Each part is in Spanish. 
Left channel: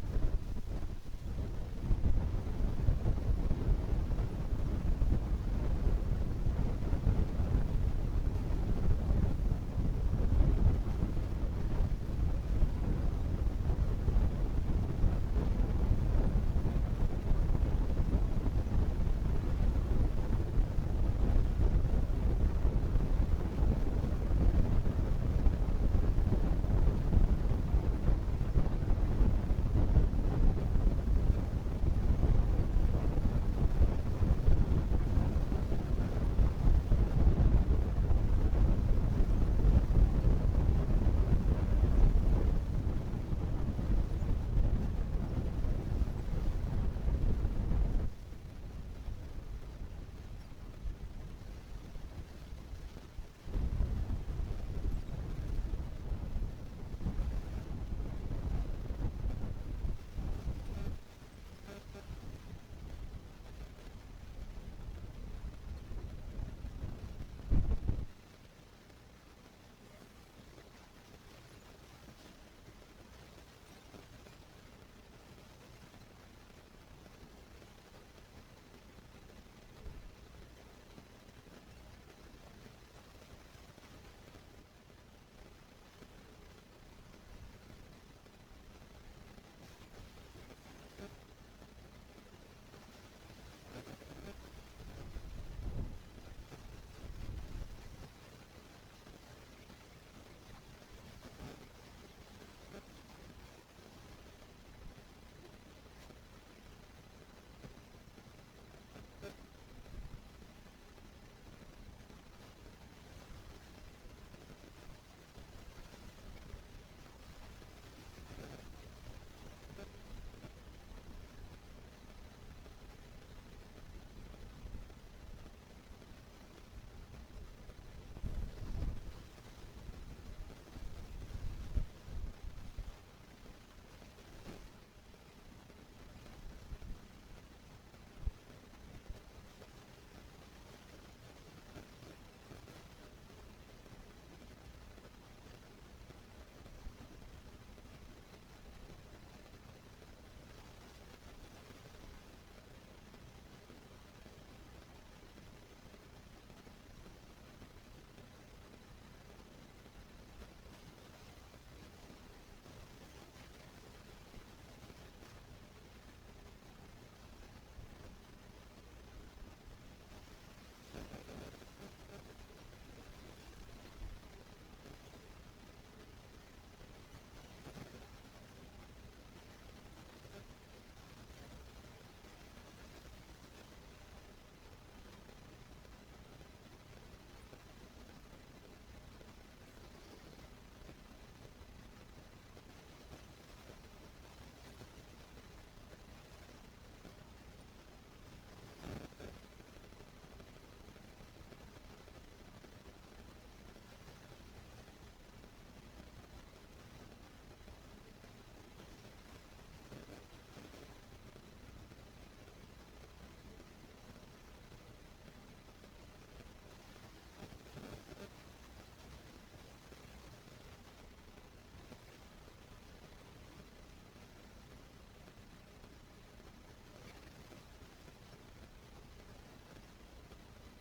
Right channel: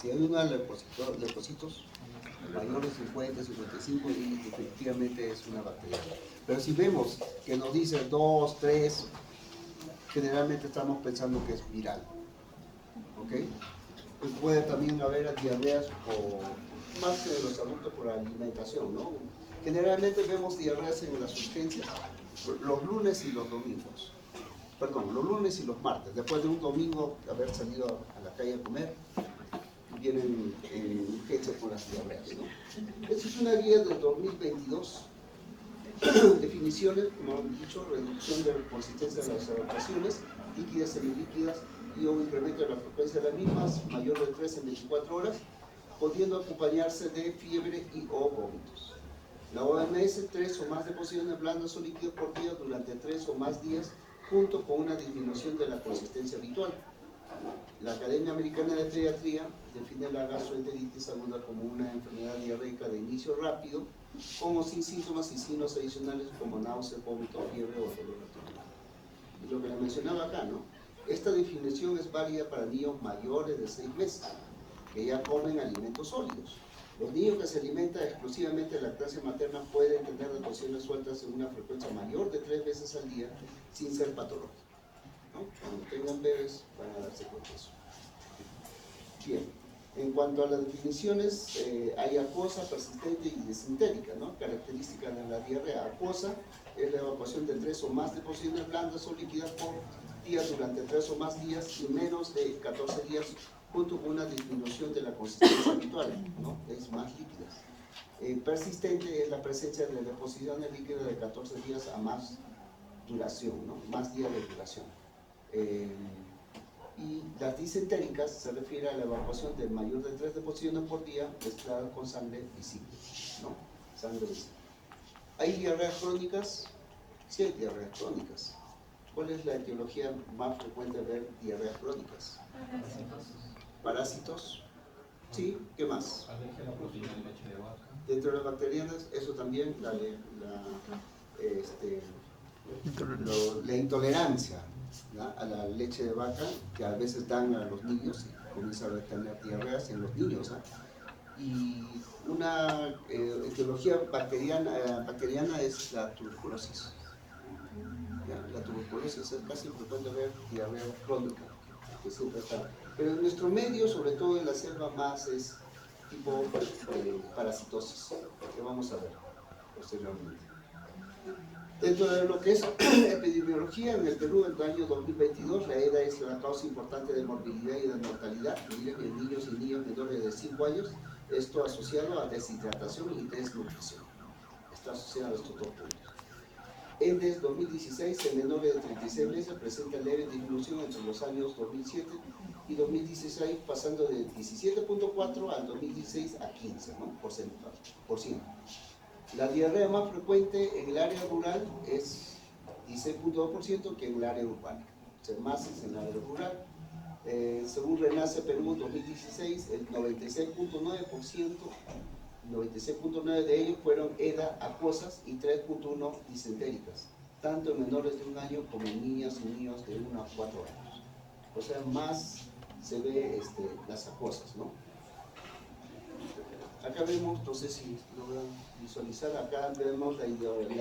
Si hay una leucocitos mayores de 50, 55, y definitivamente es una bacteria. Pero si vemos que nos dice 2, 3, generalmente estamos pensando que es viral. ¿Ok? Pues puede también haber diarreas o más que de los adultos por alimentación, ¿no? Generalmente vemos diarreas en las urgencias los lunes y los domingos. Perdón, los lunes y los martes, después de un domingo de haber salido a la calle a comer, vienen urgencias por las diarreas, ¿no? Esta es una guía del 2022. Definiciones, como hemos dicho, reducción de la consistencia de las evacuaciones, líquidas, semilíquidas, y un incremento de la frecuencia de las mismas, mayor de 3 en 24 horas, pudiendo acompañarse de fiebre y o vómitos. La OMS, 3 o más deposiciones blandas o líquidos por día durante 3 o más días, junto con una disminución de la consistencia habitual. La Academia Americana de Pediatría define la gastroenteritis aguda como una enfermedad diarreica de inicio rápido, como sin síntomas y signos adicionales como náuseas, vómito, fiebre o dolor abdominal. Y lo que le mencionaba acá, ¿no? Esta definición es válida para niños mayores de 6 meses, que ya comen alimentos sólidos. Los niños que se alimentan exclusivamente de lactancia materna pueden tener deposiciones sueltas en una frecuencia mayor de 3 veces al día sin ser patológico, ¿no? Cuando tengan bebés van a darse cuenta de eso. Bien, en cuanto a las definiciones, hay acuosa, persistente y disentérica, ¿no? Características de la diarrea acuosa es la evacuación de 3 o más deposiciones blandas o líquidas por día durante 3 o más días y menos de 14 días, junto con una disminución de la consistencia habitual, ¿no? Es más líquidas. Persistente es la presencia de deposiciones líquidas de 14 días a más duración, ¿no? Más días de duración. Y las disentéricas se refiere a la evacuación de mayor de 3 deposiciones por día mezclada con sangre visible, ¿no? Sangre visible. ¿Hay diarreas crónicas? Sí hay diarreas crónicas. ¿Cuál es la etiología más frecuente de ver diarreas crónicas? Parásitos. Sí, ¿qué más? Alergia a la proteína de leche de vaca. Dentro de las bacterianas, eso también, la intolerancia, ¿ya? A la leche de vaca, que a veces dan a los niños, comienzan a tener diarreas en los niños, ¿eh? Y una etiología bacteriana es la tuberculosis. ¿Ya? La tuberculosis es casi frecuente ver diarrea crónica, que siempre está. Pero en nuestro medio, sobre todo en la selva, más es tipo parasitosis, que vamos a ver posteriormente. Dentro de lo que es epidemiología, en el Perú, en el año 2022, la EDA es la causa importante de morbilidad y de mortalidad en niños y niñas menores de 5 años, esto asociado a deshidratación y desnutrición. Está asociado a estos dos puntos. En 2016, en menores de 36 meses presenta leve disminución entre los años 2007 y 2016, pasando de 17.4 al 2016 a 15, ¿no? por ciento. La diarrea más frecuente en el área rural es 16.2% que en el área urbana, o sea, más es en el área rural. Según Renace Perú 2016, el 96.9% de ellos fueron EDA acuosas y 3.1 disentéricas, tanto en menores de 1 año como en niñas y niños de 1 a 4 años. O sea, más se ve las acuosas, ¿no? Acá vemos, no sé si logran visualizar, acá vemos la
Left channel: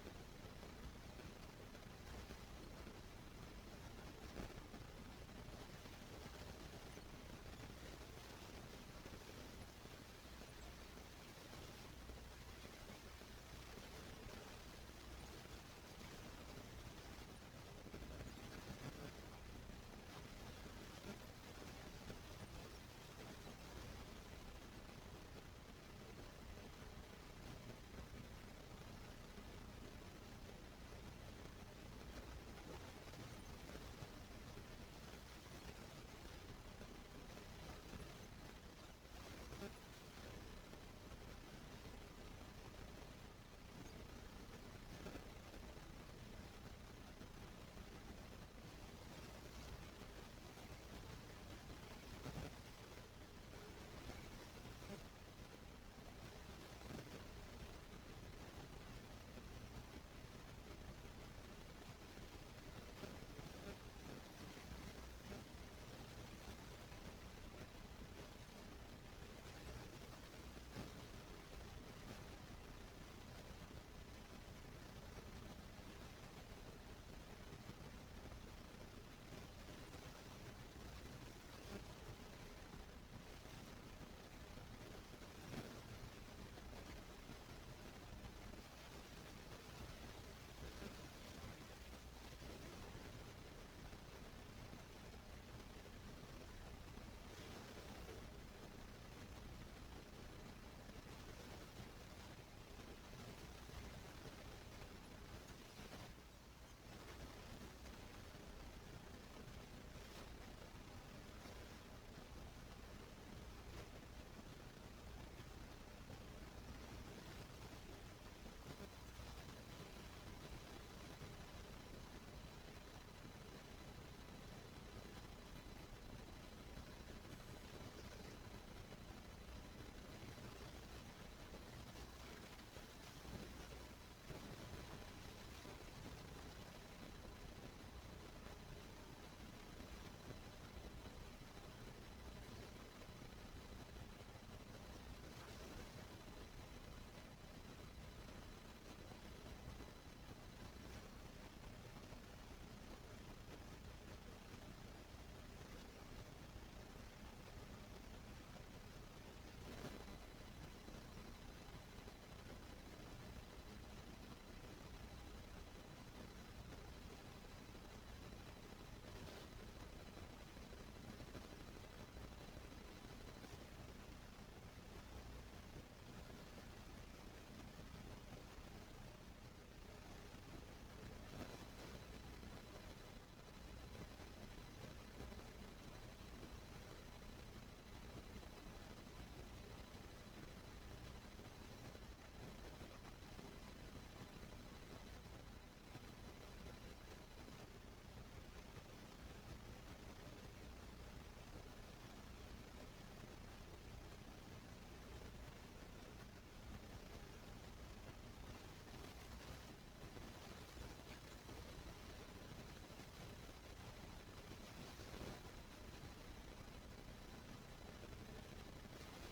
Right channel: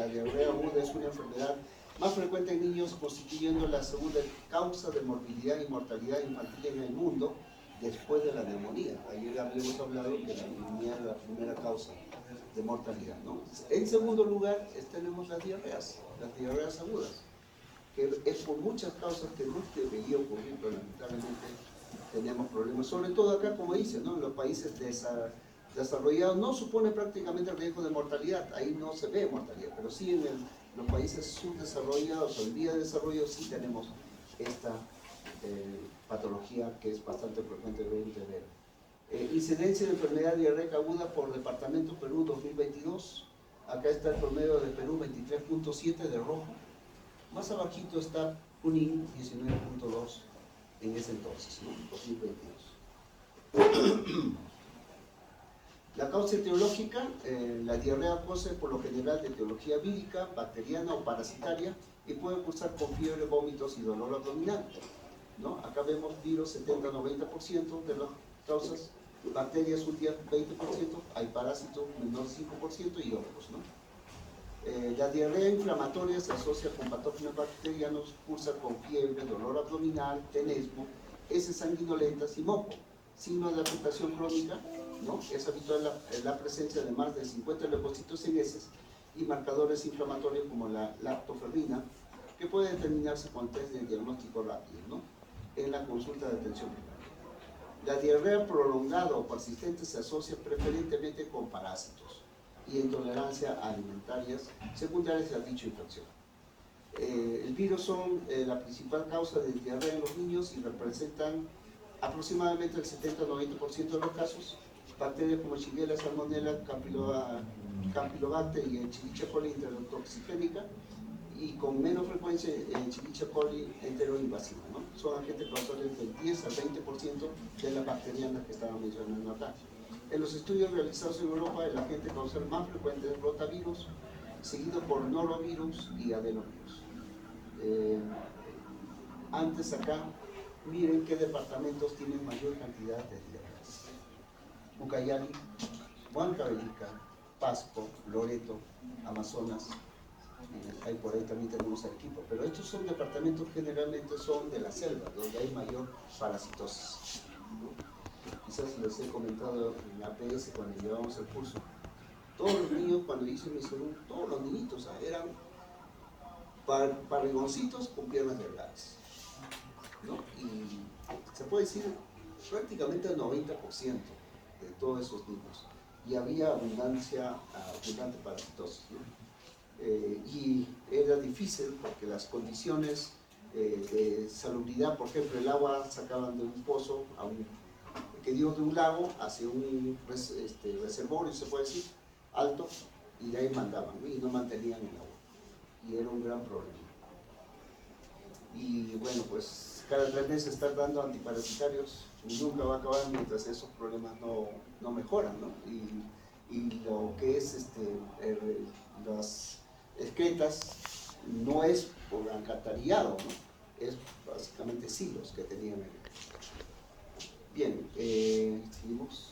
diarrea aguda es una enfermedad más frecuente en niños, constituyendo la segunda causa de morbilidad y mortalidad infantil en el mundo después de la neumonía. Ayer habíamos hablado que la neumonía es la primera causa de mortalidad, ¿no? En segundo lugar tenemos las diarreas agudas, que es por muchas causas que no debería ocurrir, pero lamentablemente tenemos problemas, sobre todo acá, como dice, ¿no? En los países desarrollados no supone prácticamente el riesgo de mortalidad, ahí no se ve mortalidad, pero sí en los países subdesarrollados o en vía de desarrollo sí tenemos esta patología que es bastante frecuente de ver. Incidencia de enfermedad diarreica aguda por departamento Perú 2022, acá está el promedio de Perú 23.7 de rojo, más abajito está Junín 19.2 en ese entonces, ¿no? 2022. La causa etiológica, la diarrea acuosa por lo general de etiología vírica, bacteriana o parasitaria, que puede cursar con fiebre, vómitos y dolor abdominal, ¿no? Acá vemos virus 70-90% de las causas, bacterias un 10, 20%, hay parásitos menor 5% y otros, ¿no? La diarrea inflamatoria se asocia con patógenos bacterianos, cursa con fiebre, dolor abdominal, tenesmo, heces sanguinolentas y moco. Signos de afectación crónica, ¿no? Es habitual la presencia de más de 50 leucocitos en heces y marcadores inflamatorios como la lactoferrina, que puede determinarse con test de diagnóstico rápido, ¿no? En la consulta de atención primaria. La diarrea prolongada o persistente se asocia preferentemente con parásitos y intolerancias alimentarias secundarias a dicha infección. El virus son la principal causa de diarrea en los niños y representan aproximadamente el 70-90% de los casos. Bacterias como Shigella, Salmonella, Campylobacter y Escherichia coli enterotoxigénica, y con menos frecuencia en Escherichia coli enteroinvasiva, ¿no? Son agentes causantes del 10 al 20% de las bacterianas que estaban mencionando acá. En los estudios realizados en Europa, el agente causal más frecuente es rotavirus, seguido por norovirus y adenovirus. Antes acá, miren qué departamentos tienen mayor cantidad de diarreas. Ucayali, Huancavelica, Pasco, Loreto, Amazonas, ahí por ahí también tenemos Arequipa, pero estos son departamentos generalmente son de la selva, donde hay mayor parasitosis, ¿no? Quizás les he comentado en la APS cuando llevamos el curso. Todos los niños, cuando hice mi segundo, todos los niñitos eran barrigoncitos con piernas delgadas, ¿no? Y se puede decir prácticamente el 90% de todos esos niños. Y había abundante parasitosis, ¿no? Y era difícil porque las condiciones de salubridad, por ejemplo, el agua sacaban de un pozo que dio de un lago hacia un reservorio, se puede decir, alto, y de ahí mandaban, ¿no? Y no mantenían el agua. Y era un gran problema. Y bueno, pues cada 3 meses estar dando antiparasitarios nunca va a acabar mientras esos problemas no mejoran, ¿no? Y lo que es las excretas no es por alcantarillado, ¿no? Es básicamente silos que tenían ahí. Bien, seguimos.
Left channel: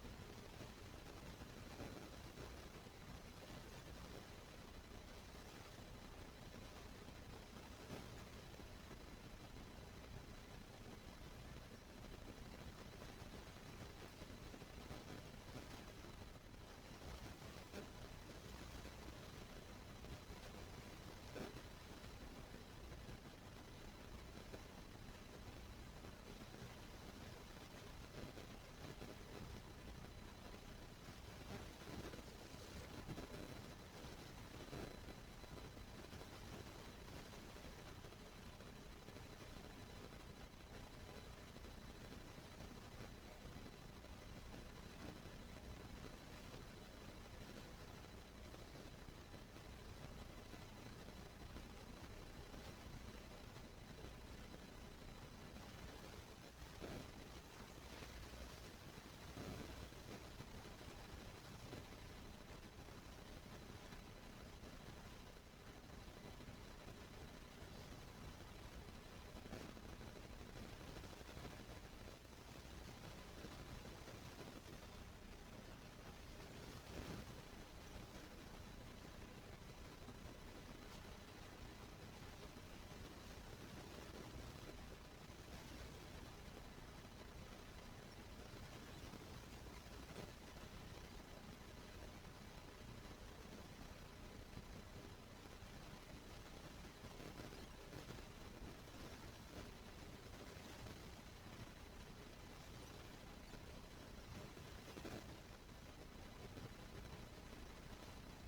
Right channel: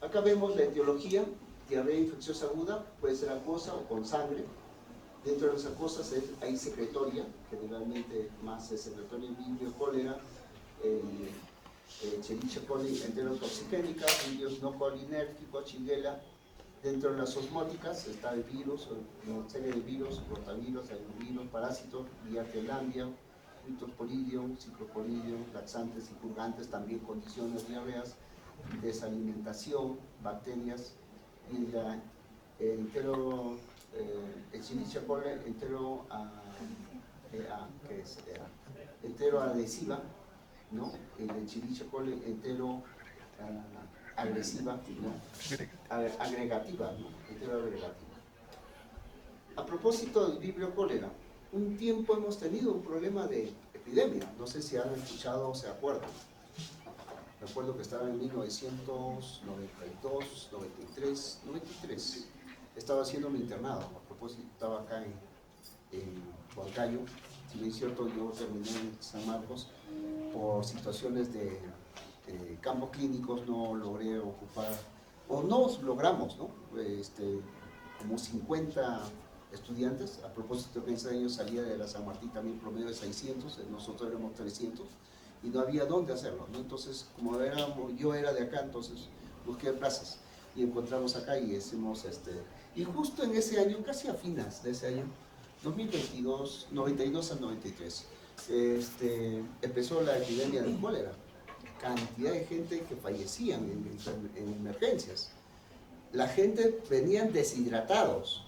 Acá vemos la etiología. Diarrea infecciosa aguda puede ser acuosa o con sangre. Dentro de las acuosas hay secretoria, generalmente más es secretoria vibrio cólera, Escherichia coli enterotoxigénica, virus no colinérgico, Shigella. Dentro de las osmóticas está el virus, una serie de virus, rotavirus, adenovirus, parásitos, Biartelandia, Cryptosporidium, Cicloporidium, laxantes y purgantes, también condiciones diarreas, desalimentación, bacterias, y la Escherichia coli enteroadhesiva, ¿no? El Escherichia coli agresiva, ¿no? Agregativa, ¿no? Enteroagregativa. A propósito del vibrio cólera, un tiempo hemos tenido un problema de epidemia, no sé si han escuchado o se acuerdan. Recuerdo que estaba en 1992, 93, estaba haciendo mi internado, a propósito estaba acá en Huancayo. Si bien es cierto, yo terminé en San Marcos, por situaciones de campos clínicos no logré ocupar, o no logramos, ¿no? Como 50 estudiantes, a propósito que ese año salía de la San Martín también promedio de 600, nosotros éramos 300, y no había dónde hacerlo, ¿no? Entonces, como yo era de acá, entonces busqué plazas y encontramos acá y hicimos y justo en ese año, casi a fines de ese año, 2022, 92 al 93, empezó la epidemia de cólera. Cantidad de gente que fallecían en emergencias. La gente venían deshidratados,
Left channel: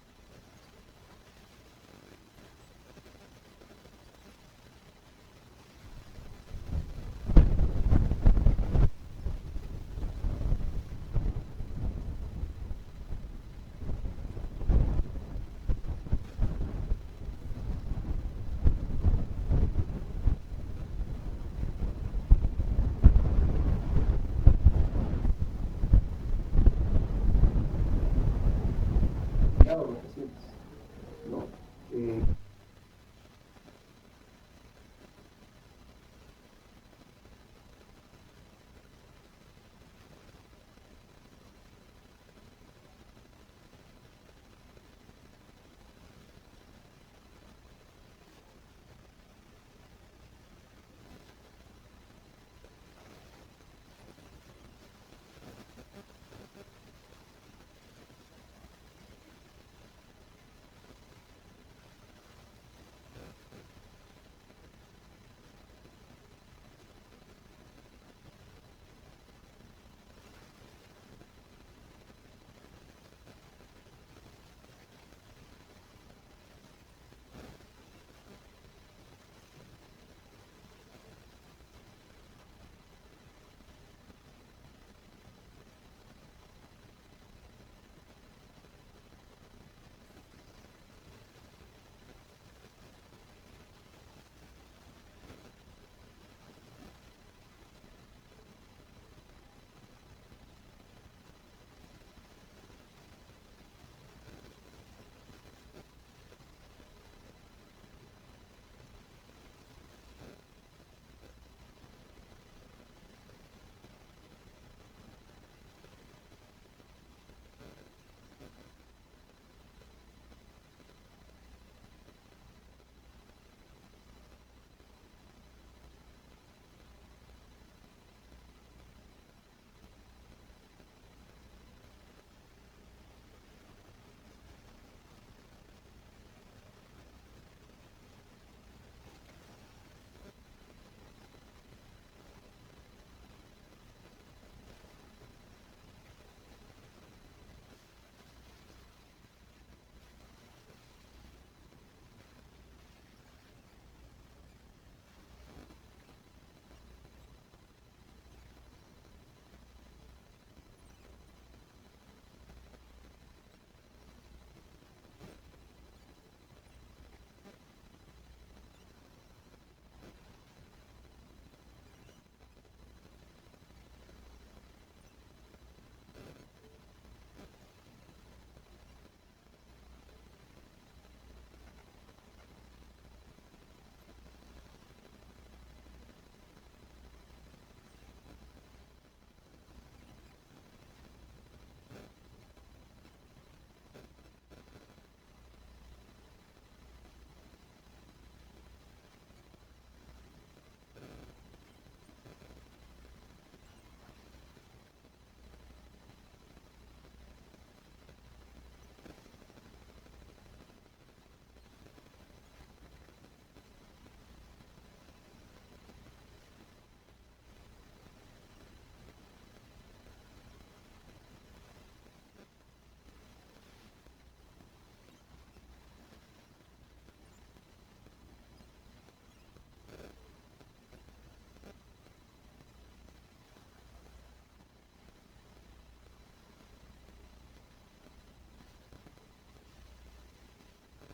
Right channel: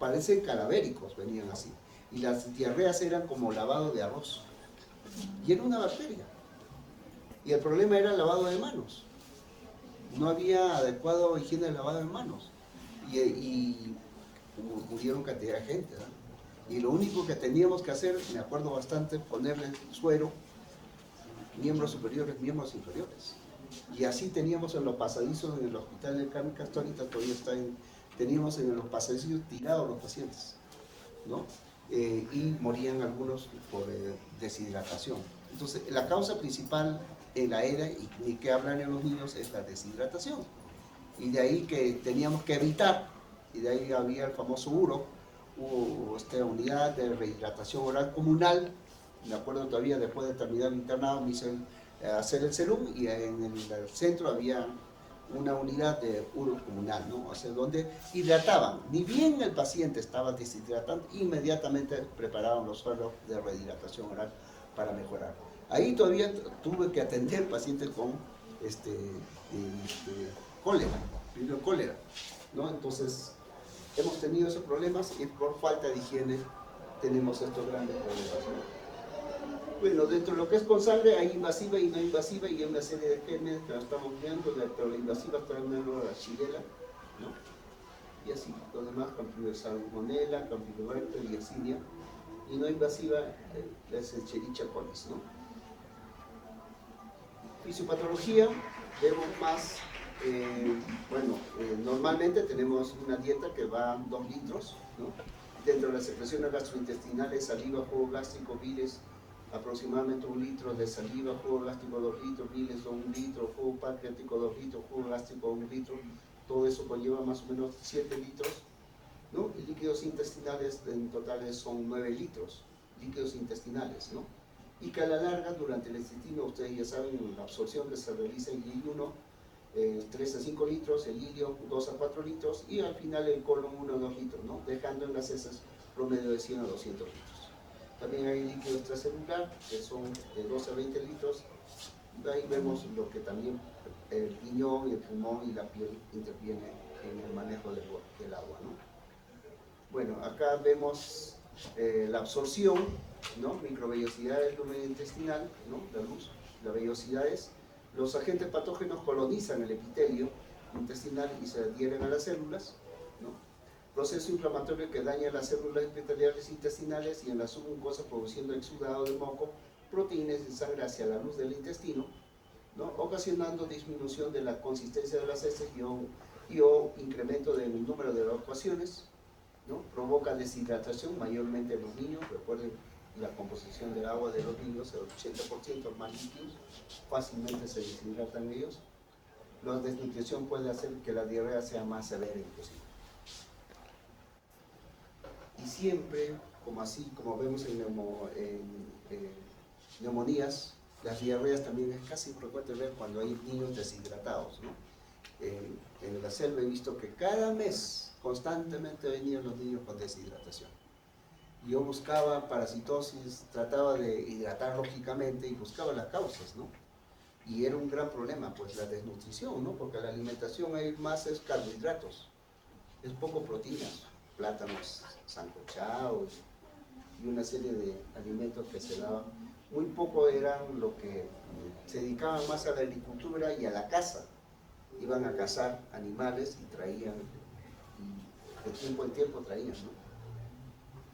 parece cadavéricos, venían así. Y las diarreas eran como lavado de arroz. Y era una bacteria. Y el problema era el lavado de manos. No había adecuado higiene de lavado de manos. Y murieron cantidad de gente, ¿no? Y lo único que teníamos que hacer, me acuerdo bastante, ponerle suero, miembros superiores, miembros inferiores. Y así teníamos en los pasadizos del hospital de Carmen Católica, todavía teníamos en los pasadizos tirados los pacientes, ¿no? Y morían algunos por deshidratación. Entonces, la causa principal en la era, y ni que hablar en los niños, es la deshidratación. Y de ahí que teníamos que evitar, y de ahí había el famoso URO, hubo esta unidad de rehidratación oral comunal. Me acuerdo todavía, después de terminar el internado me hice hacer el serum, y en el centro había una unidad de URO comunal, ¿no? O sea, donde hidrataban. Ni bien el paciente estaba deshidratando, inmediatamente preparaban los sueros de rehidratación oral para mejorar. Ahí todavía tuve que atender pacientes con cólera, primero cólera, ¿no? Entonces, hemos tenido esos problemas y por falta de higiene tenemos estos grandes problemas, ¿no? Bueno, dentro de lo que es con sangre hay invasiva y no invasiva, y hay una serie de genes que la estamos viendo, pero la invasiva para la Shigella, ¿no? Y así, lo demás, Salmonella, Campylobacter y Yersinia. Y no invasiva es el Escherichia coli, ¿no? Fisiopatología, vemos más, normalmente tenemos una dieta que va a 2 litros, ¿no? Dentro de las secreciones gastrointestinales, saliva, jugo gástrico, bilis, aproximadamente 1 litro de saliva, jugo gástrico 2 litros, bilis 1 litro, jugo pancreático 2 litros, jugo gástrico 1 litro, todo eso conlleva más o menos 7 litros, ¿no? Y líquidos intestinales en total son 9 litros, líquidos intestinales, ¿no? Y que a la larga, durante el intestino, ustedes ya saben, la absorción que se realiza en I1, 3 a 5 litros, el idio 2 a 4 litros, y al final el colon 1 a 2 litros, ¿no? Dejando en las heces promedio de 100 a 200 litros. También hay líquido extracelular, que son de 12 a 20 litros. Ahí vemos lo que también el riñón, el pulmón y la piel intervienen en el manejo del agua, ¿no? Bueno, acá vemos la absorción, ¿no? Microvellosidades, luz intestinal, ¿no? La luz, las vellosidades. Los agentes patógenos colonizan el epitelio intestinal y se adhieren a las células, ¿no? Proceso inflamatorio que daña las células epiteliales intestinales y en la submucosa, produciendo exudado de moco, proteínas de sangre hacia la luz del intestino, ¿no? Ocasionando disminución de la consistencia de las heces y o incremento del número de evacuaciones, ¿no? Provoca deshidratación, mayormente en los niños. Recuerden la composición del agua de los niños, el 80% más líquidos, fácilmente se deshidratan ellos. La desnutrición puede hacer que la diarrea sea más severa inclusive. Y siempre, como vemos en neumonías, las diarreas también es casi frecuente ver cuando hay niños deshidratados, ¿no? En la selva he visto que cada mes constantemente venían los niños con deshidratación. Yo buscaba parasitosis, trataba de hidratar lógicamente y buscaba las causas, ¿no? Y era un gran problema, pues la desnutrición, ¿no? Porque la alimentación hay más es carbohidratos, es poco proteínas, plátanos sancochados y una serie de alimentos que se daban. Muy poco eran lo que se dedicaban más a la agricultura y a la caza. Iban a cazar animales y traían, y de tiempo en tiempo traían, ¿no?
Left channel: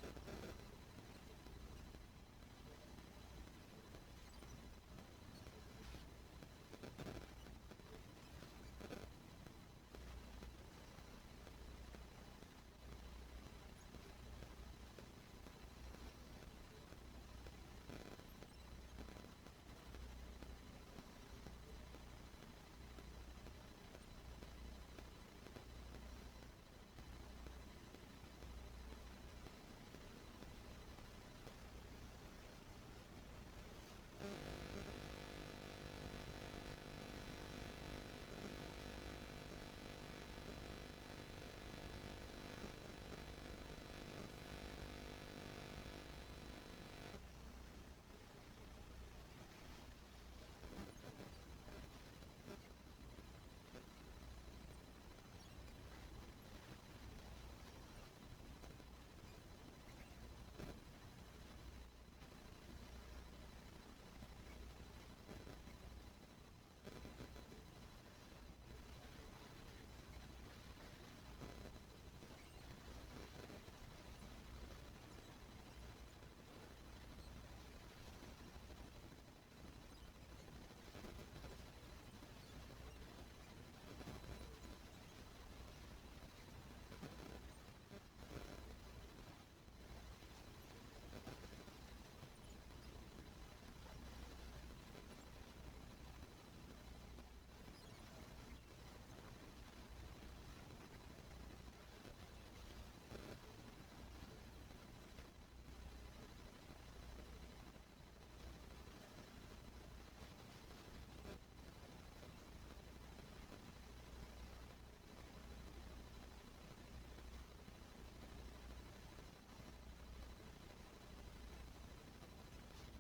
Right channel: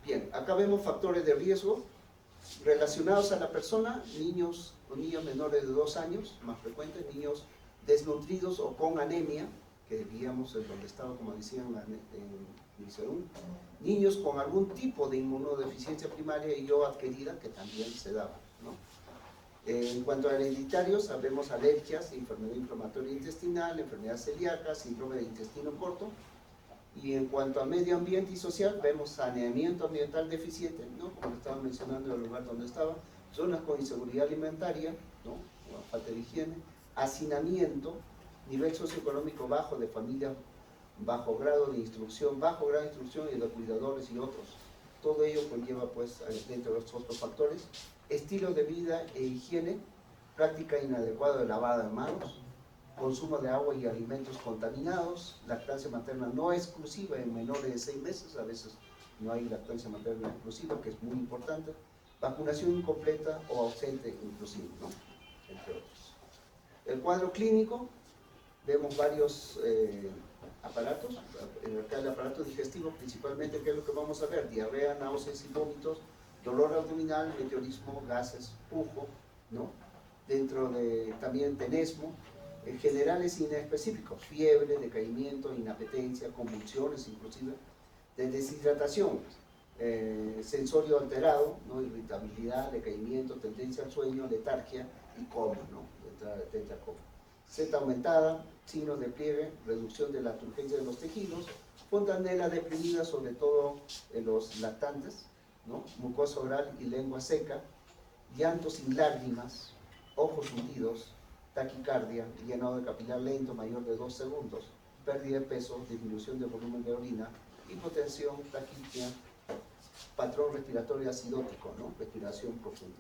Bien, acá vemos factores de riesgo relacionados a la persona, niños o niños menores de 2 años, más frecuentes, niños desnutridos o con anemia, que veíamos en donde estaba, como decían en el serum, niños con algún tipo de inmunodeficiencia primaria y o adquirida, que también se daba, ¿no? En cuanto a hereditarios, sabemos alergias, enfermedad inflamatoria intestinal, enfermedad celíaca, síndrome de intestino corto. Y en cuanto a medio ambiente y social, vemos saneamiento ambiental deficiente, ¿no? Como estaba mencionando el lugar donde estaba, zonas con inseguridad alimentaria, ¿no? Falta de higiene, hacinamiento, nivel socioeconómico bajo de familia, bajo grado de instrucción y de cuidadores y otros. Todo ello conlleva, pues, dentro de los otros factores, estilo de vida e higiene, práctica inadecuada de lavado de manos, consumo de agua y alimentos contaminados, lactancia materna no exclusiva en menores de 6 meses, a veces no hay lactancia materna exclusiva, que es muy importante, vacunación incompleta o ausente inclusive, ¿no? Entre otros. El cuadro clínico, vemos varios aparatos, acá el aparato digestivo principalmente, ¿qué es lo que vamos a ver? Diarrea, náuseas y vómitos, dolor abdominal, meteorismo, gases, pujo, ¿no? Dentro de también tenesmo, generales y inespecíficos, fiebre, decaimiento, inapetencia, convulsiones inclusive, de deshidratación, sensorio alterado, ¿no? Irritabilidad, decaimiento, tendencia al sueño, letargia y coma, ¿no? tetracoma. Z aumentada, signos de pliegue, reducción de la turgencia de los tejidos, fontanela deprimida, sobre todo en los lactantes, ¿no? Mucosa oral y lengua seca, llanto sin lágrimas, ojos hundidos, taquicardia, llenado de capilar lento mayor de 2 segundos, pérdida de peso, disminución de volumen de orina, hipotensión, taquipnea, patrón respiratorio acidótico, ¿no? Respiración profunda.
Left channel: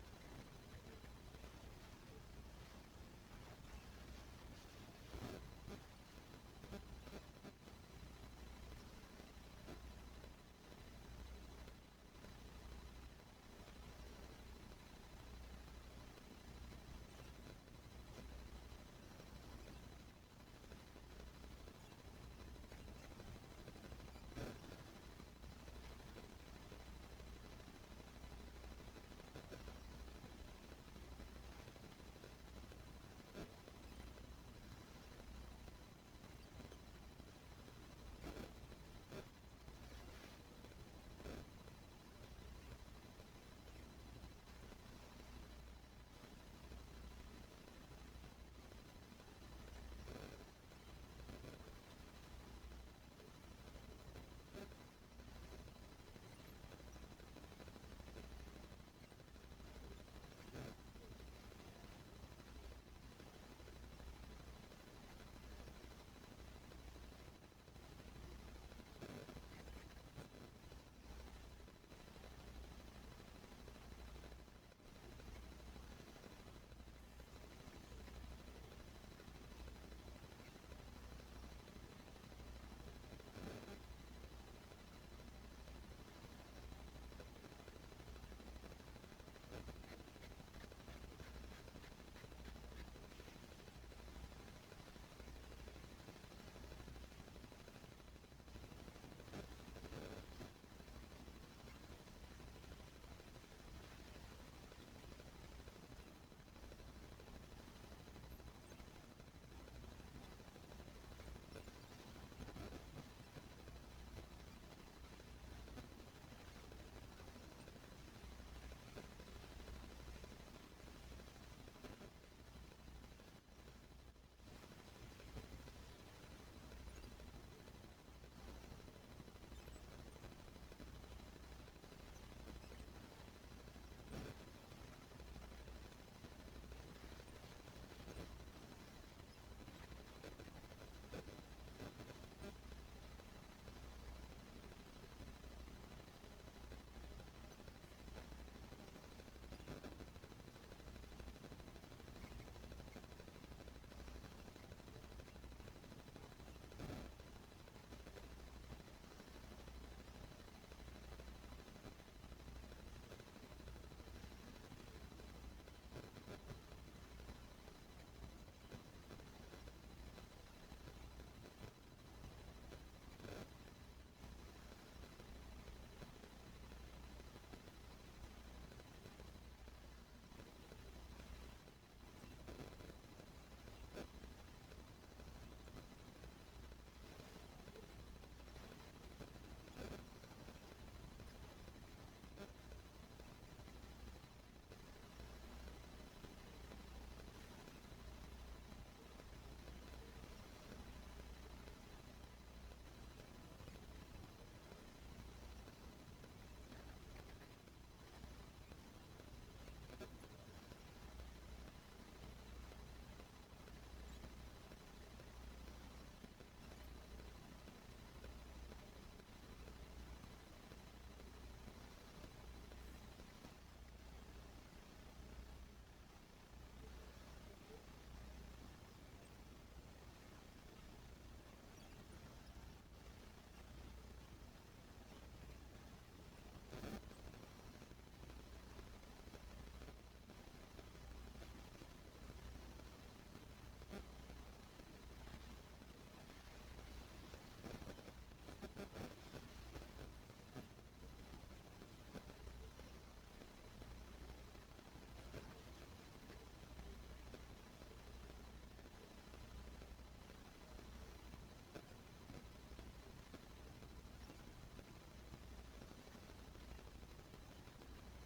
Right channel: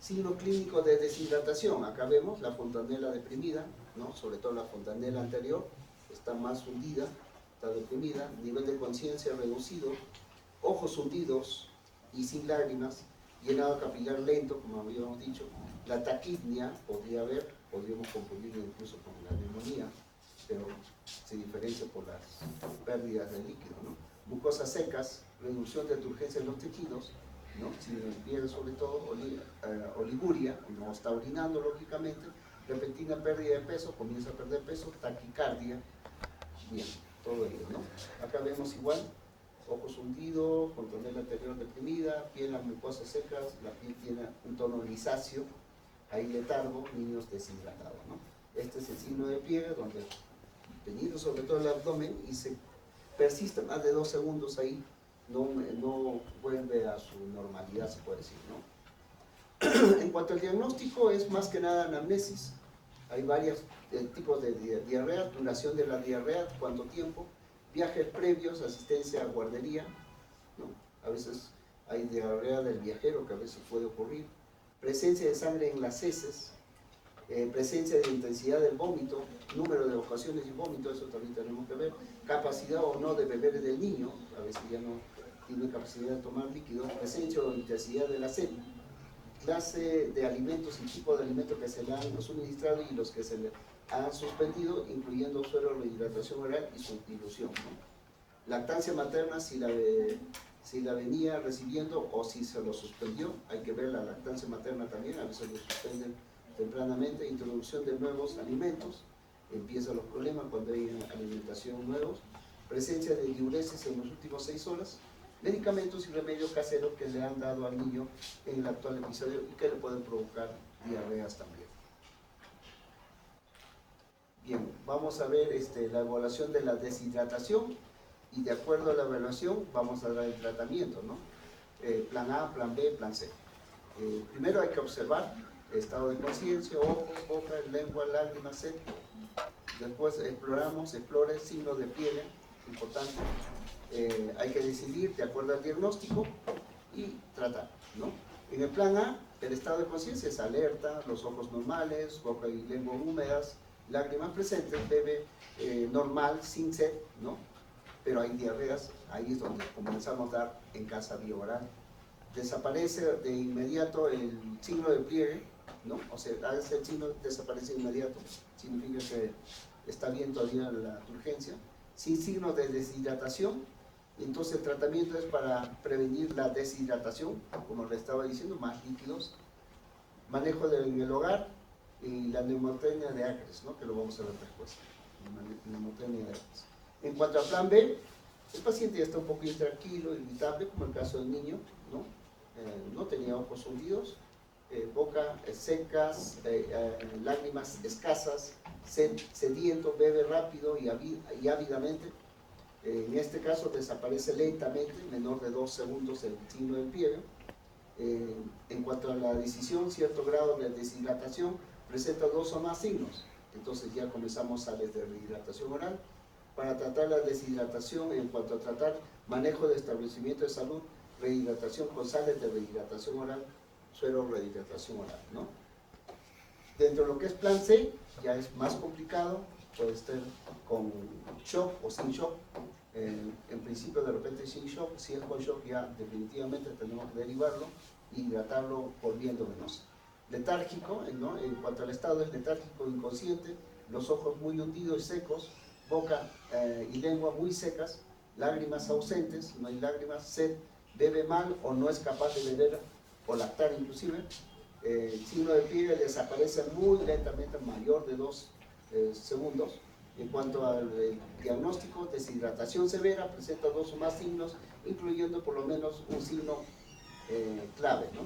Signo clínico de deshidratación, acá vemos la fontanela deprimida, ¿no? Sobre todo la fontanela anterior, está más hundida, está deprimida, nivel de conciencia reducido, ojos hundidos y sin lágrimas, llenado capilar lento, como habíamos dicho, la taquipnea podríamos confundirlo incluso con la neumonía, pero se diferencia por las pérdidas de líquido, ¿no? Mucosas secas, reducción de turgencia en los tejidos, ¿no? Si el piel sobre todo, oliguria, no está orinando lógicamente, repentina pérdida de peso, comienza a perder peso, taquicardia, bien, todo ello, ¿no? Acá vemos igual, ojos hundidos, fontanela anterior deprimida, piel las mucosas secas, la piel tiene un tono grisáceo, hay letargo, niños deshidratados, ¿no? Este es el signo de pliegue, donde tenido sobre todo el abdomen y se persiste más de 2 segundos ahí, no vuelve a su normalidad, se puede decir, ¿no? En cuanto al diagnóstico, es más que nada anamnesis. Hay varios tipos de diarrea, duración de la diarrea, cuánto tiempo, viajes previos, asistencia a guardería, ¿no? A veces hay diarrea del viajero, que a veces puede ocurrir, presencia de sangre en las heces, presencia de intensidad del vómito, número de ocasiones y vómito, eso también tenemos que ver, capacidad o no de beber del niño, a veces ya no tiene capacidad de tomar líquido, presencia o intensidad de la sed, clase de alimentos y tipo de alimentos que se le han suministrado y los que se le han suspendido, incluyendo suero, rehidratación oral y su dilución, ¿no? Lactancia materna, si la venía recibiendo o si se lo suspendió, hay que ver la lactancia materna también, a veces lo suspenden tempranamente, introducción de nuevos alimentos, empiezan los problemas cuando hay alimentación nuevos, presencia de diuresis en los últimos 6 horas, medicamentos y remedios caseros que le han dado al niño en el actual episodio y que le pueden provocar diarreas también. Bien, vamos a ver la evaluación de la deshidratación y de acuerdo a la evaluación vamos a dar el tratamiento, ¿no? Plan A, plan B, plan C. Primero hay que observar estado de conciencia, ojos, boca, lengua, lágrimas, sed. Después explore signos de pliegue, importante. Hay que decidir de acuerdo al diagnóstico y tratar, ¿no? En el plan A, el estado de conciencia es alerta, los ojos normales, boca y lengua húmedas, lágrimas presentes, bebe normal, sin sed, ¿no? Pero hay diarreas, ahí es donde comenzamos a dar en casa vía oral. Desaparece de inmediato el signo de pliegue, ¿no? O sea, a veces el signo desaparece de inmediato, significa que está bien todavía la urgencia. Sin signo de deshidratación, entonces el tratamiento es para prevenir la deshidratación, como le estaba diciendo, más líquidos. Manejo en el hogar y la neumotenia de Acres, ¿no? Que lo vamos a ver después. Neumotenia de Acres. En cuanto al plan B, el paciente ya está un poco intranquilo, irritable, como el caso del niño, ¿no? No tenía ojos hundidos, boca secas, lágrimas escasas, sediento, bebe rápido y ávidamente. En este caso desaparece lentamente, menor de 2 segundos el signo del pliegue. En cuanto a la decisión, cierto grado de deshidratación presenta 2 o más signos. Entonces ya comenzamos sales de rehidratación oral. Para tratar la deshidratación, en cuanto a tratar manejo de establecimiento de salud, rehidratación con sales de rehidratación oral, suero rehidratación oral, ¿no? Dentro de lo que es plan C, ya es más complicado, puede estar con shock o sin shock. En principio, de repente sin shock, si es con shock ya definitivamente tenemos que derivarlo y hidratarlo por vía endovenosa. Letárgico, ¿no? En cuanto al estado es letárgico inconsciente, los ojos muy hundidos y secos, boca y lengua muy secas, lágrimas ausentes, no hay lágrimas, sed, bebe mal o no es capaz de beber o lactar inclusive. El signo de pliegue desaparece muy lentamente, mayor de 2 segundos. En cuanto al diagnóstico, deshidratación severa, presenta 2 o más signos, incluyendo por lo menos un signo clave, ¿no?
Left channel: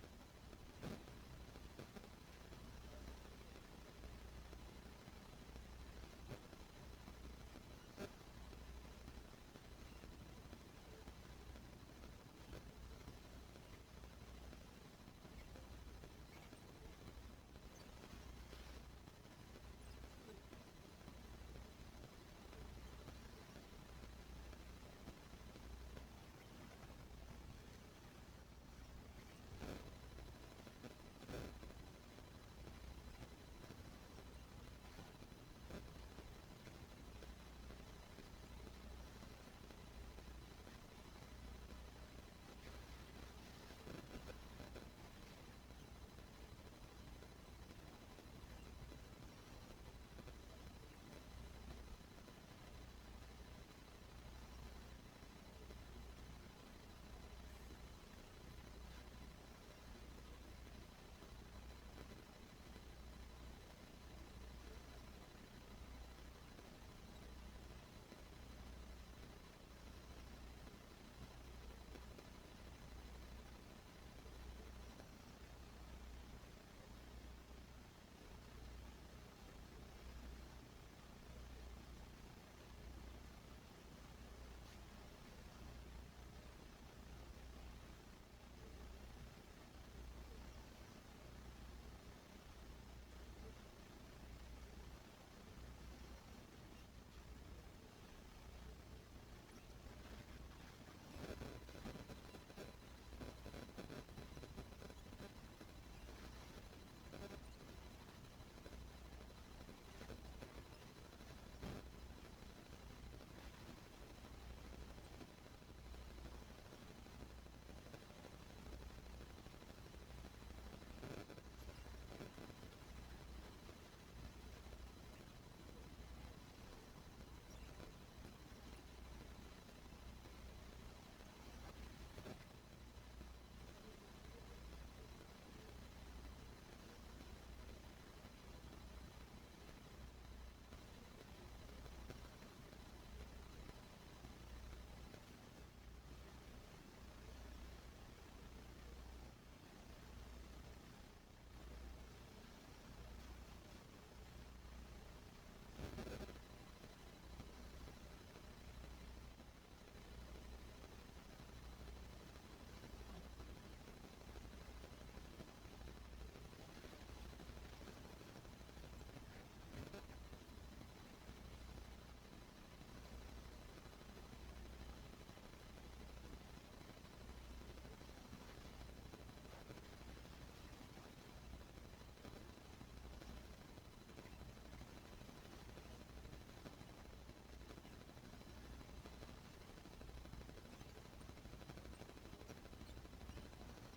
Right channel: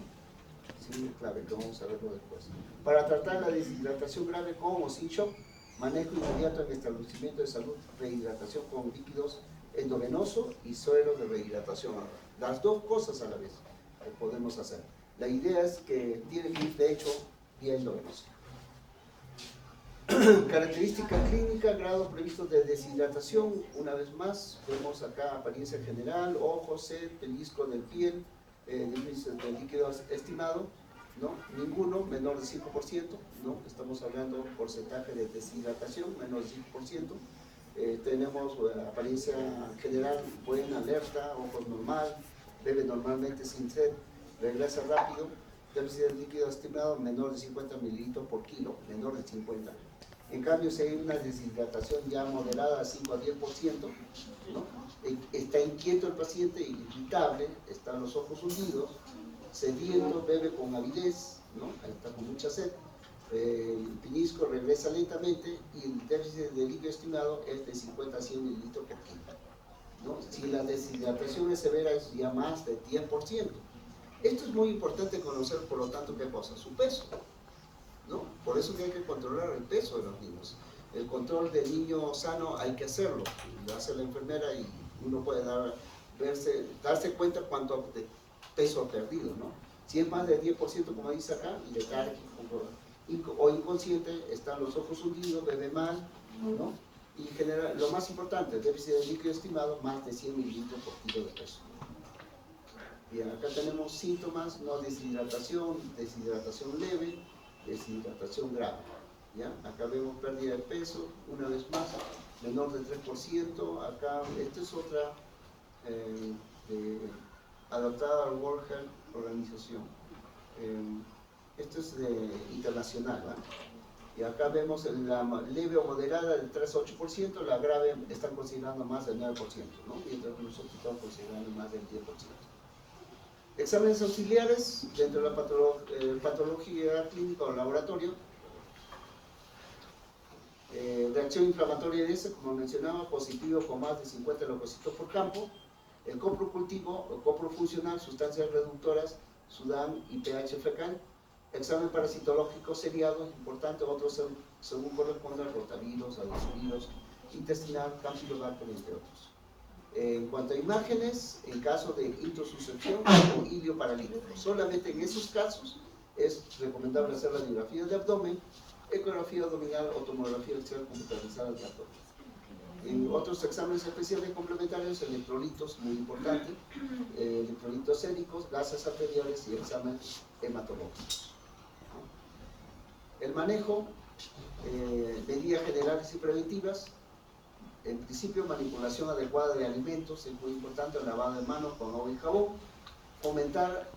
Sí, clave, que vamos a verlo después. Para tratar la deshidratación grave con o sin shock, manejo inmediato en establecimiento de salud, rehidratación con líquidos endovenoso y suero de rehidratación. Las dos cosas a la vez podemos hacer. La idea es que tiene que ir, de hecho, vía endovenosa. Característica clínica, grado previsto de deshidratación. Una vez más, vemos acá apariencia general, ojos, sed, pellizco de piel, de líquido estimado, ¿no? Ninguno, menor de 5%, ¿no? Estamos hablando porcentaje de deshidratación, menor de 5%. Tenemos apariencia general buena, alerta, ojos normal, bebe normalmente sin sed, regresa rápido, déficit de líquido estimado menor de 50 mililitros por kilo, menor de 50. En cambio, si hay una deshidratación ya moderada, 5 a 10%, ¿no? Está inquieto el paciente, irritable, están los ojos hundidos, sediento, bebe con avidez, ¿no? Ahí está con mucha sed, el pellizco regresa lentamente y el déficit de líquido estimado es de 50 a 100 mililitros por kilo, ¿no? Si la deshidratación es severa, es ya más de 10%. Esto es muy importante conocer, por lo tanto, ¿qué cosa? Su peso, ¿no? Por eso que hay que controlar el peso de los niños. El control del niño sano hay que hacerlo, lo hace la enfermera y uno puede darse cuenta cuánto de peso ha perdido, ¿no? Si es más del 10%, como dice acá, letárgico o inconsciente, están los ojos hundidos, bebe mal, ¿no? Y genera, lo más importante, el déficit de líquido estimado, más de 100 mililitros por kilo de peso. Bien, acá tenemos síntomas, no deshidratación, deshidratación leve, deshidratación grave. ¿Ya? Acá vemos pérdida de peso, una vez más, menor del 3%. Acá, esta es otra adaptada al World Health Organization. Esto es internacional, ¿va? Y acá vemos la leve o moderada del 3 a 8%, la grave están considerando más del 9%, ¿no? Mientras que nosotros estamos considerando más del 10%. Exámenes auxiliares dentro de la patología clínica o laboratorio. Reacción inflamatoria de ese, como mencionaba, positivo con más de 50 leucocitos por campo. El coprocultivo o coprofuncional, sustancias reductoras, Sudán y pH fecal. Examen parasitológico seriado, importante, otros según corresponda, rotavirus, adenovirus, intestinal, campylobacter, entre otros. En cuanto a imágenes, en caso de introsuscepción o ilio paralítico, solamente en esos casos es recomendable hacer radiografía de abdomen, ecografía abdominal o tomografía axial computarizada de abdomen. En otros exámenes especiales complementarios, electrolitos, muy importante, electrolitos séricos, gases arteriales y examen hematológico. El manejo, medidas generales y preventivas. En principio, manipulación adecuada de alimentos, es muy importante, lavado de manos con agua y jabón. Fomentar,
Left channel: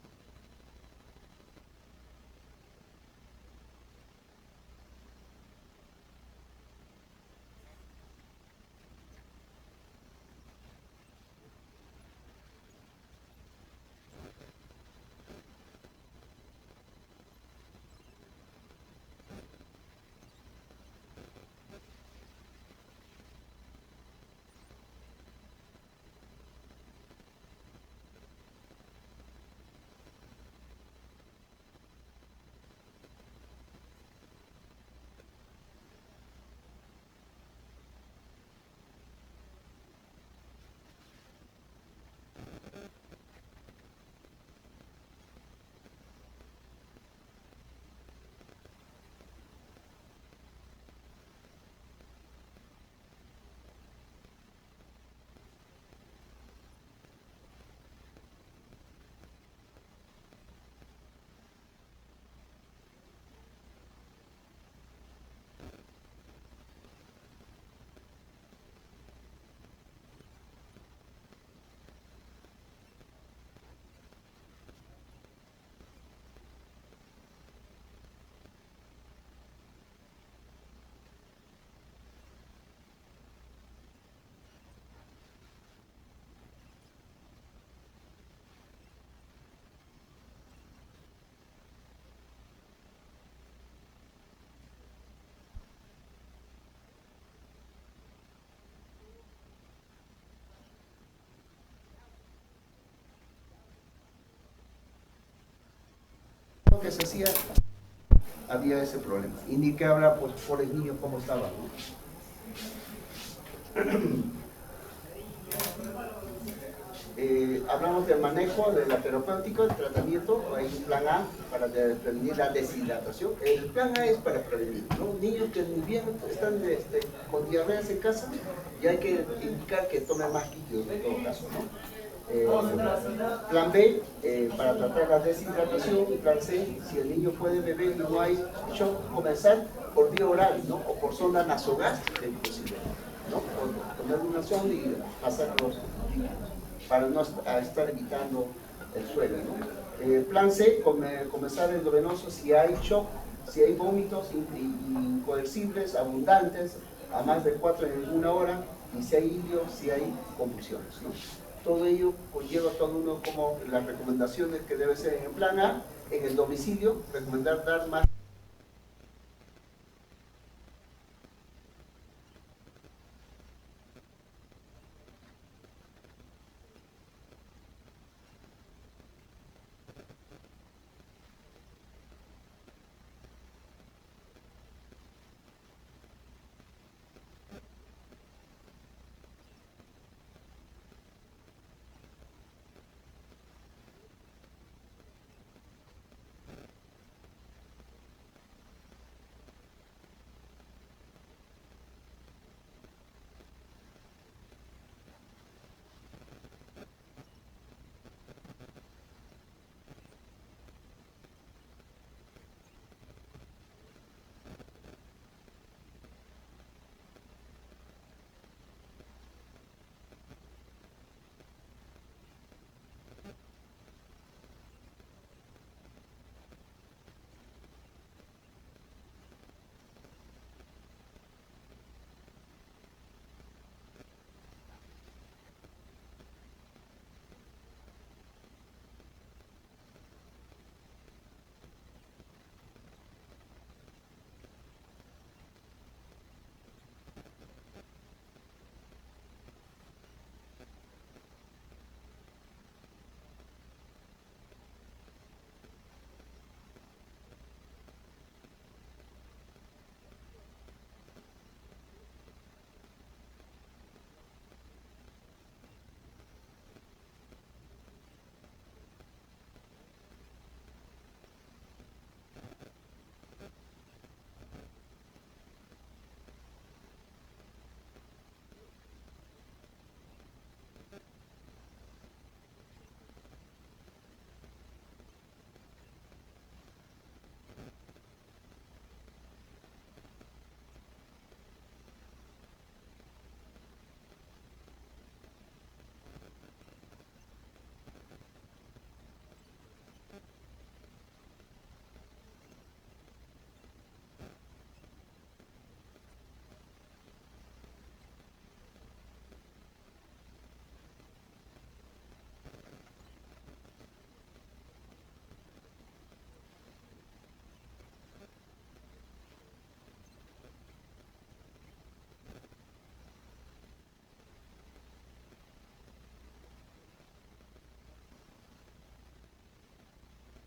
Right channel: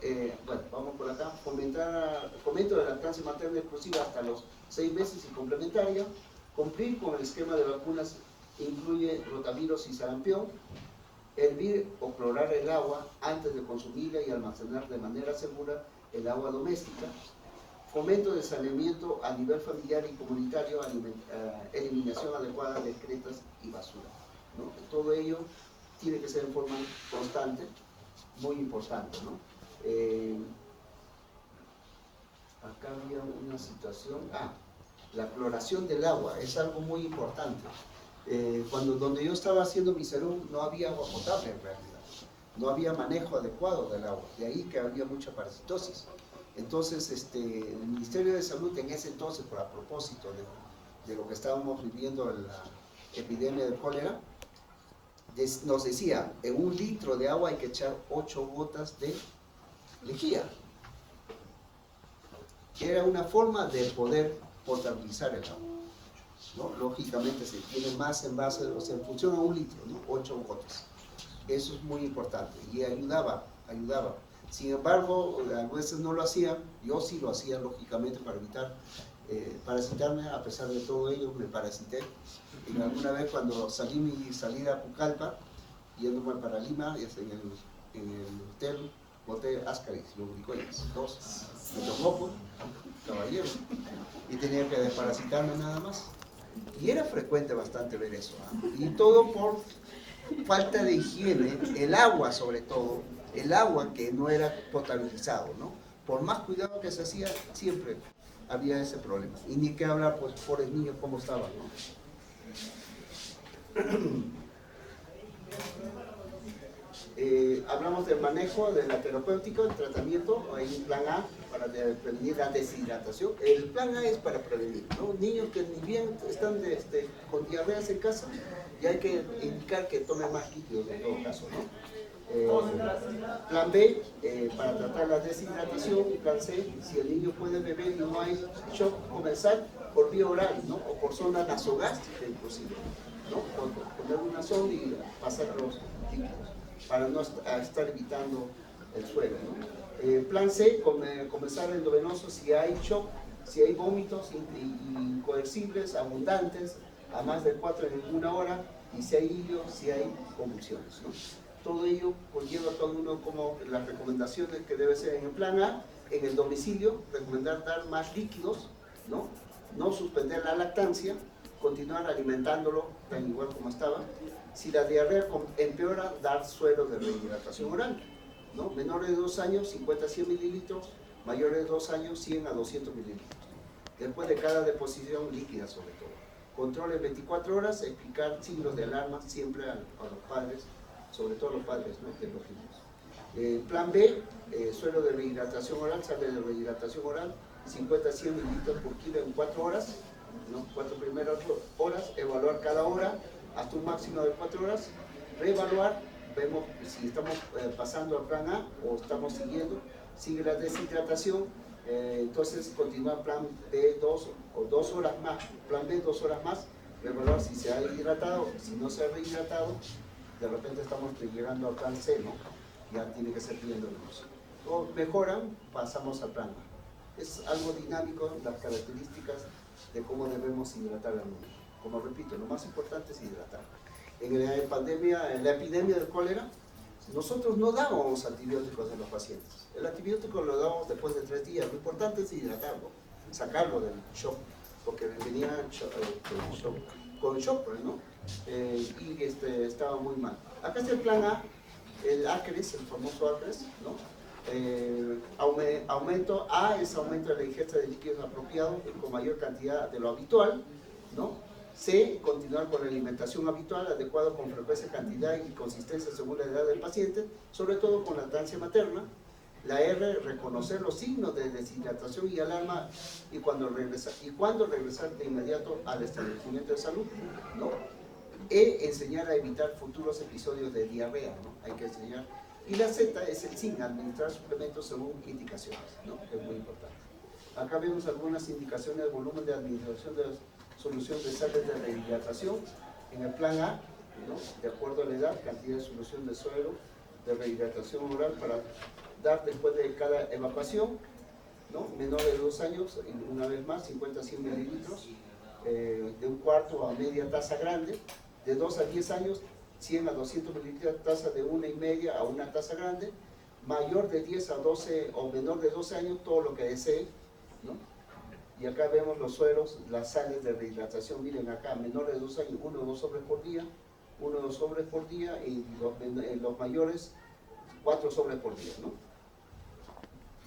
bueno, vamos por acá, fomento de lactancia materna exclusiva hasta los 6 meses y complementaria. Cumplir con el esquema de vacunas incluye rotavirus y sarampión. Hervir o clorar el agua antes de consumirla y almacenar de manera segura el agua doméstica. Fomento de saneamiento a nivel familiar y comunitario, eliminación adecuada de excretas y basura, ¿no? Todo ello tiene que ser en forma constante, muy importante, ¿no? Acá había una situación, la cloración del agua es algo muy importante. Donde yo estaba haciendo mi salud no había agua potable en realidad, no había manejo adecuado del agua, de ahí que había mucha parasitosis. Entonces, el Ministerio de Salud en ese entonces, a propósito de lo que estábamos viviendo en la epidemia de cólera, nos decía, en 1 litro de agua hay que echar 8 gotas de lejía. Era una forma de poder potabilizar el agua, ¿no? Lógicamente se tiene más en base, o sea, en función a 1 litro, ¿no? 8 gotas. Eso es muy importante y ayudaba. Sin embargo, a veces no lo hacía, yo sí lo hacía lógicamente para evitar parasitarme. A pesar de todo ello me parasité. Y alguna vez cuando salí mi salida a Pucallpa, yéndome para Lima, en el hotel, boté Ascaris, lubricoides, 2, metococo, caballero, y tenía que desparasitarme nada más. Y era frecuente bastante ver eso, ¿eh? Y todo por falta de higiene, el agua sobre todo, el agua que no era potabilizado, ¿no? por más cuidado que se hacía, siempre había ese problema. Y ni que hablar, pues, por el niño cómo estaba, ¿no? Hablamos del manejo de la terapéutica, el tratamiento. Hay un plan A para prevenir la deshidratación. El plan A es para prevenir, ¿no? Niños que ni bien están con diarreas en casa, y hay que indicar que tomen más líquidos en todo caso, ¿no? Plan B, para tratar la deshidratación. Plan C, si el niño puede beber y no hay shock, comenzar por vía oral, ¿no? O por sonda nasogástrica inclusive, ¿no? O poner una sonda y pasar los líquidos para no estar evitando el suelo, ¿no? Plan C, comenzar endovenoso si hay shock, si hay vómitos incoercibles, abundantes, a más de 4 en una hora, y si hay ilios, si hay convulsiones, ¿no? Todo ello conlleva todo uno como las recomendaciones que debe ser en el plan A. En el domicilio, recomendar dar más líquidos, ¿no? No suspender la lactancia, continuar alimentándolo tan igual como estaba. Si la diarrea empeora, dar suero de rehidratación oral, ¿no? Menores de 2 años, 50 a 100 mililitros, mayores de 2 años, 100 a 200 mililitros. Después de cada deposición líquida, sobre todo. Control en 24 horas, explicar signos de alarma siempre a los padres, sobre todo a los padres, ¿no?, de los niños. Plan B, suero de rehidratación oral, sale de rehidratación oral, 50 a 100 mililitros por kilo en 4 horas, ¿no? 4 primeras horas, evaluar cada hora hasta un máximo de 4 horas, reevaluar, vemos si estamos pasando al plan A o estamos siguiendo, sigue la deshidratación, entonces continúa plan B 2 o 2 horas más, plan B 2 horas más, reevaluar si se ha hidratado, si no se ha rehidratado. De repente estamos llegando al plan C, ¿no? Ya tiene que ser pidiendo el uso. O mejoran, pasamos al plan A. Es algo dinámico, las características de cómo debemos hidratar al niño. Como repito, lo más importante es hidratar. En la epidemia del cólera, nosotros no dábamos antibióticos a los pacientes. El antibiótico lo dábamos después de 3 días. Lo importante es hidratarlo, sacarlo del shock, porque venía con shock, ¿no? Y estaba muy mal. Acá está el plan A, el ACRES, el famoso ACRES, ¿no? Aumento A es aumento de la ingesta de líquidos apropiados con mayor cantidad de lo habitual, ¿no? C, continuar con la alimentación habitual, adecuado con frecuencia, cantidad y consistencia según la edad del paciente, sobre todo con lactancia materna. La R, reconocer los signos de deshidratación y alarma y cuando regresar de inmediato al establecimiento de salud, ¿no? E, enseñar a evitar futuros episodios de diarrea, ¿no? Hay que enseñar. Y la Z es el SIN, administrar suplementos según indicaciones, ¿no? Que es muy importante. Acá vemos algunas indicaciones de volumen de administración de solución de sales de rehidratación. En el plan A, ¿no?, de acuerdo a la edad, cantidad de solución de suero de rehidratación oral para dar después de cada evacuación, ¿no? Menor de 2 años, una vez más, 50 a 100 mililitros, de un cuarto a media taza grande. De 2 a 10 años, 100 a 200 mililitros, taza de 1,5 a una taza grande. Mayor de 10 a 12 o menor de 12 años, todo lo que desee, ¿no? Y acá vemos los sueros, las sales de rehidratación. Miren acá, menores de 2 años, 1 o 2 sobres por día, 1 o 2 sobres por día, y los mayores, 4 sobres por día, ¿no?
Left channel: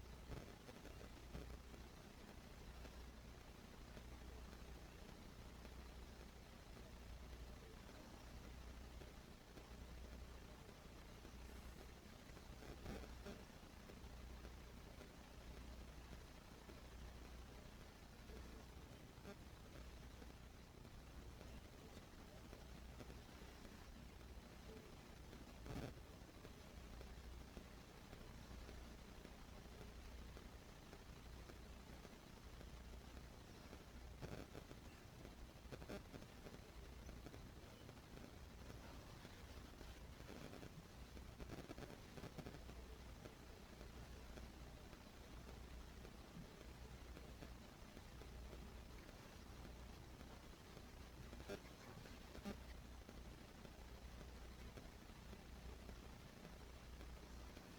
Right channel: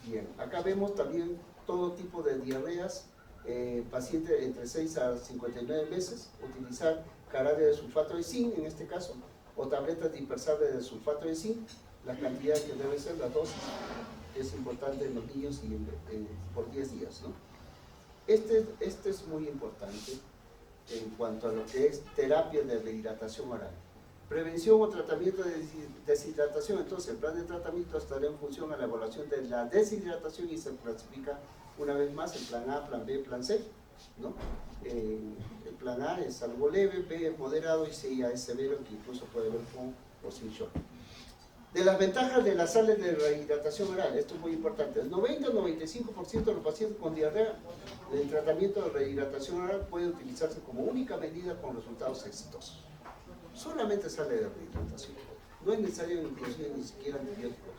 Bien, acá vemos también todo tipo de diarreas, paciente entre 6 a 59 meses, utilizar jarabe de sulfato de zinc en este caso, o tabletas dispersables de sulfato de zinc, la cantidad que debe ser, la dosis, es importante en los niños y por 10 días, ¿no? Este es muy importante en cuanto a lo que es terapia de rehidratación oral. Prevención o tratamiento de deshidratación. Entonces, el plan de tratamiento estará en función a la evaluación de la deshidratación y se clasifica una vez más en plan A, plan B, plan C, ¿no? El plan A es algo leve, B es moderado y C ya es severo, que incluso puede haber con o sin shock. De las ventajas de las sales de rehidratación oral, esto es muy importante. El 90 o 95% de los pacientes con diarrea, el tratamiento de rehidratación oral puede utilizarse como única medida con resultados exitosos. Solamente sale de rehidratación. No es necesario inclusive ni siquiera antibióticos.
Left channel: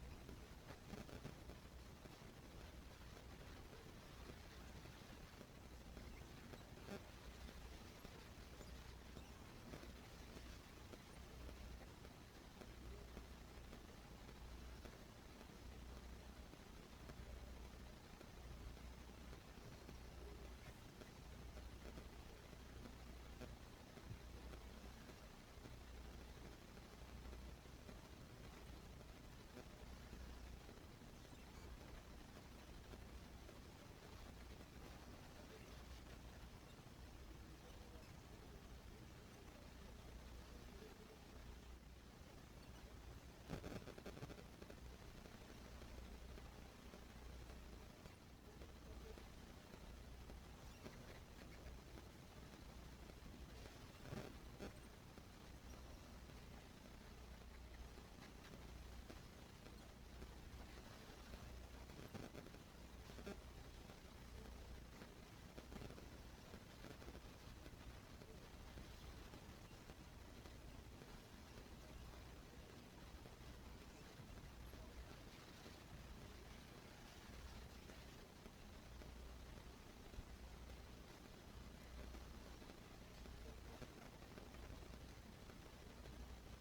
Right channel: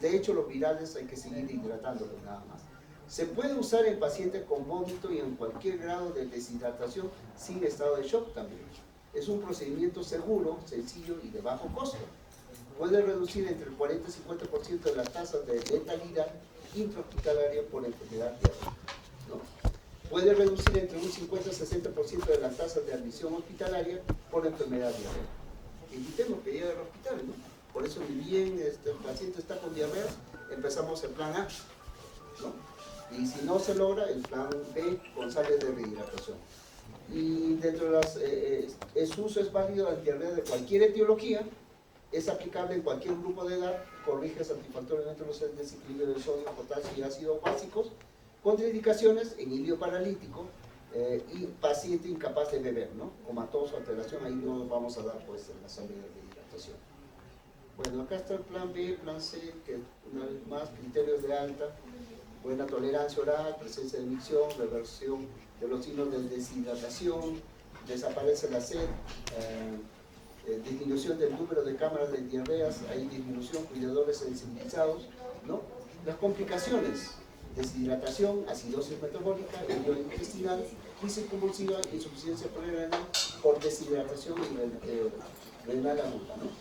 De hecho, los virales hay que seguir hidratándolos nada más. Se puede usar en pacientes con vómito y en cualquier grado de deshidratación sin estado de shock también. Es un procedimiento seguro, sencillo y de bajo costo. Puede reducir entre el 40 y 50% de las tasas de letalidad intrahospitalaria por enfermedad diarrea, ¿no? Puede reducir entre un 50 y 60% de las tasas de admisión hospitalaria por enfermedad diarrea. Evitemos que llegue al hospital, ¿no? Por eso, ni bien el paciente está con diarrea, empezamos el plan A, ¿no? Y si no se logra, el plan B con sales de rehidratación. Y dentro de su uso es válido la diarrea de cualquier etiología, es aplicable en cualquier grupo de edad, corrige satisfactoriamente los desequilibrios de sodio, potasio y ácidos básicos, contraindicaciones en ilio paralítico y paciente incapaz de beber, ¿no? Comatoso, alteración, ahí no vamos a dar pues la sal de hidratación. Bueno, acá está el plan B, plan C, que una vez más, criterios de alta, buena tolerancia oral, presencia de micción, reversión de los signos de deshidratación, desaparece la sed, disminución del número de cámaras de diarreas, hay disminución, cuidadores sensibilizados, ¿no? Las complicaciones, deshidratación, acidosis metabólica, herida intestinal, crisis convulsiva, insuficiencia renal por deshidratación y renal aguda, ¿no?